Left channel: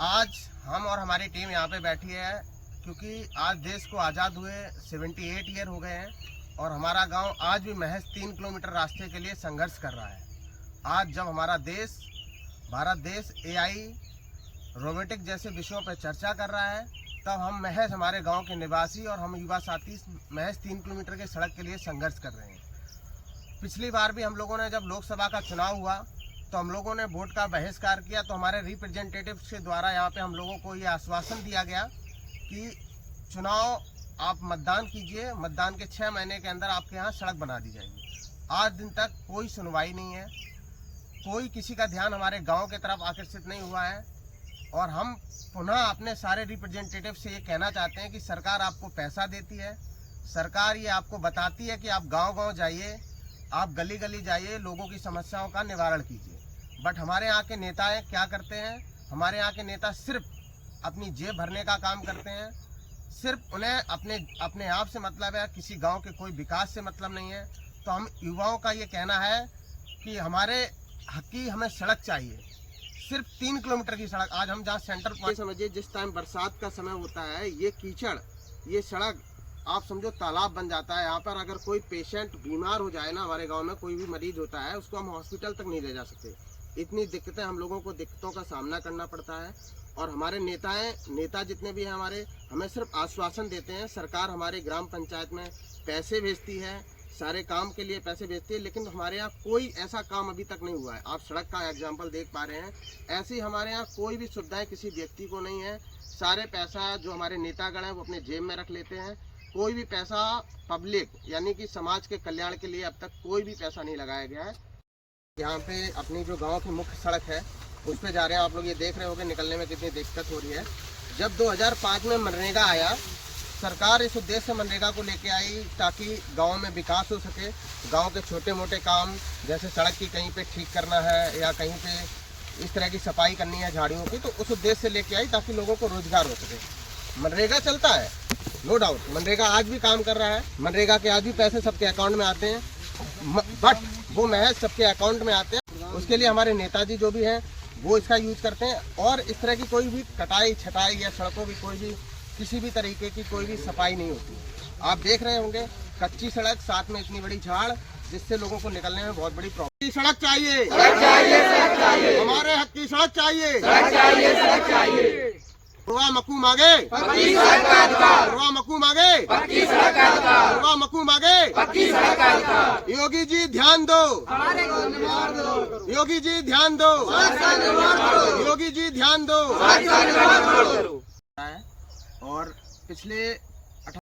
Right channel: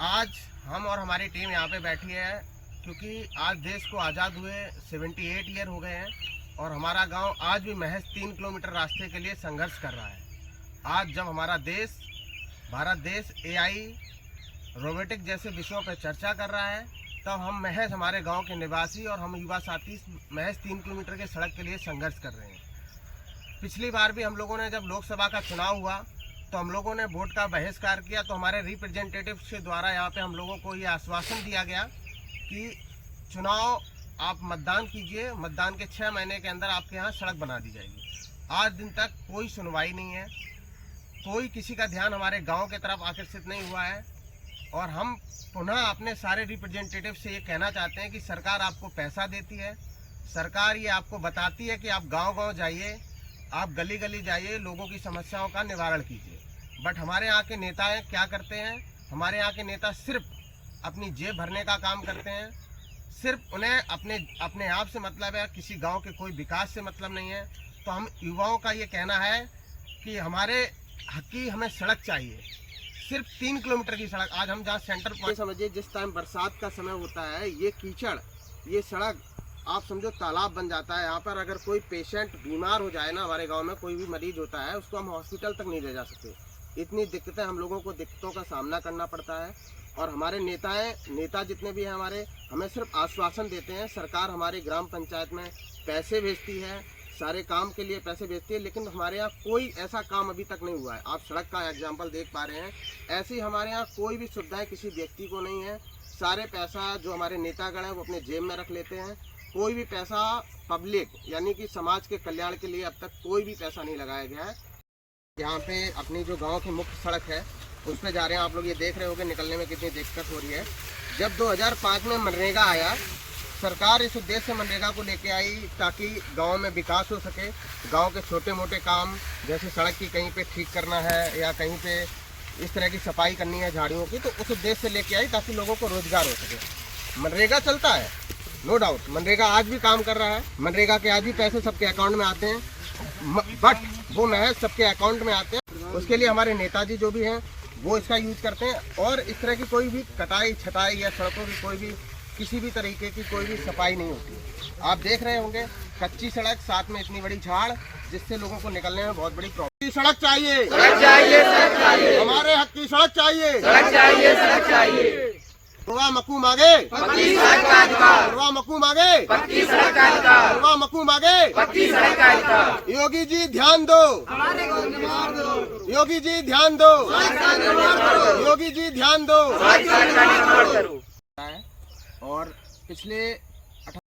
आज हम और हमारी टीम यहाँ पे बैठी है क्योंकि आज देश को आज़ाद हुए 78 ईयर हो गए हैं और हमारा गांव आज भी महज 3 किलोमीटर रास्ते के लिए संघर्ष कर रहा है। आज जब हमारा देश भारत देश AI रोबोटिक जैसे विषयों पर चर्चा कर रहा है, तब हम महज हमारे गांव के निवासी और हम युवा साथी महज 3 किलोमीटर के सड़क के लिए संघर्ष कर रहे हैं। पिछली बार भी हम लोगों ने जब लोकसभा का चुनाव हुआ तो हम लोगों ने वोट का बहिष्कार किया, तो हमारे रिप्रेजेंटेटिव्स के द्वारा यहाँ पे हम लोगों को ये आश्वासन दिया गया कि चुनाव आप मतदान कीजिए, मतदान के 6 महीने के अंदर आपके यहाँ सड़क बना दी जाएगी। आज दिन तक कोई सुनवाई नहीं है, कोई किसी का ध्यान हमारे गांव की तरफ आकर्षित नहीं हुआ है। और हम पुनः अपने सारे रिप्रेजेंटेटिव से ये कहना चाहते हैं कि सरकार आपको पैसा देती है, सरकार ये आपको बताती है कि आप गांव-गांव जाइए, आप गली गली जाइए, लोगों की समस्याओं का निवारण कीजिए। बट हमारे यहाँ के नेता क्या करते हैं? हमारे यहाँ के नेता सिर्फ अपनी जेब भरने का काम करते हैं, सिर्फ उन्हें अपने आप से मतलब है, किसी गांव के कोई विकास से मतलब नहीं है। तो हम युवाओं का ये कहना है कि हमारे हक की हमें सड़क चाहिए, सिर्फ 3 किलोमीटर की सड़क। आज हम जहाँ सेंटर पॉइंट समझिए, जिस टाइम बरसात का समय होता है, ये कीचड़, ये सड़क आप समझो तालाब बन जाता है। यहाँ पर अगर कोई पेशेंट बीमार हो जाए ना, हमारे गांव में कोई भी मरीज होता है, उसको हम हॉस्पिटल तक नहीं ले जा सकते। इतनी दिक्कतें हम लोगों को दिक्कतों का सामना करना पड़ता है। और हमारे नेता जितने भी हैं हमारे, हमें सिर्फ आश्वासन देते हैं। सरकार हमारे ग्राम पंचायत में पैसे भेजती है, सारे काम के लिए पैसे भेजती है, लेकिन हमारे यहाँ कोई ऐसा काम अभी तक नहीं हुआ है। आप सड़क का एग्जाम्पल देख पा रहे हैं, ऐसी हमारे यहाँ कोई भी सुविधाएं किसी व्यक्ति को नहीं है। सारे पैसा जो हमारे नेतागण हैं वो अपने जेब में रख लेते हैं। कोई भी पैसा पब्लिक यानी कि समाज के कल्याण के लिए अब तक कोई भी पैसा नहीं लगाया गया है। यहाँ पे अपनी जो गांव की मुख्य सड़क है उस पर जा रहे हैं, आप लोग ये देख रहे होंगे निकलने में कितनी दिक्कत हो रही है। जब 2005 में मनरेगा आया, सरकार इस उद्देश्य से मनरेगा को लेके आई ताकि गांव में विकास हो सके। गांव के छोटे मोटे काम जैसे सड़क की कहीं पे ठीक करना है या कहीं पे इस तरह की सफाई करनी है झाड़ियों की, तो उस उद्देश्य से लेके आई ताकि लोगों को रोजगार हो सके। मनरेगा चलता है, नो डाउट, मनरेगा आज भी काम कर रहा है, मनरेगा के आज भी पैसे सबके अकाउंट में आते हैं, बट वो महज सबके अकाउंट में आते हैं। उसके लिए हमारे नेताजी जो भी हैं वो इसका यूज करते हैं। और इस तरह की कोई भी कटाई छटाई या सड़कों की कोई भी किसी भी तरीके की कोई भी सफाई नहीं होती। आप देख रहे होंगे कच्ची सड़क, साथ में इतनी बड़ी झाड़, जिससे लोगों को निकलने में बहुत बड़ी प्रॉब्लम। सड़क चाहिए, हमारे हक की सड़क चाहिए। रुआ मकू मांगे, रुआ मकू मांगे, रुआ मकू मांगे। योगी जी ध्यान दो, योगी जी ध्यान दो, योगी जी ध्यान दो। और पिछले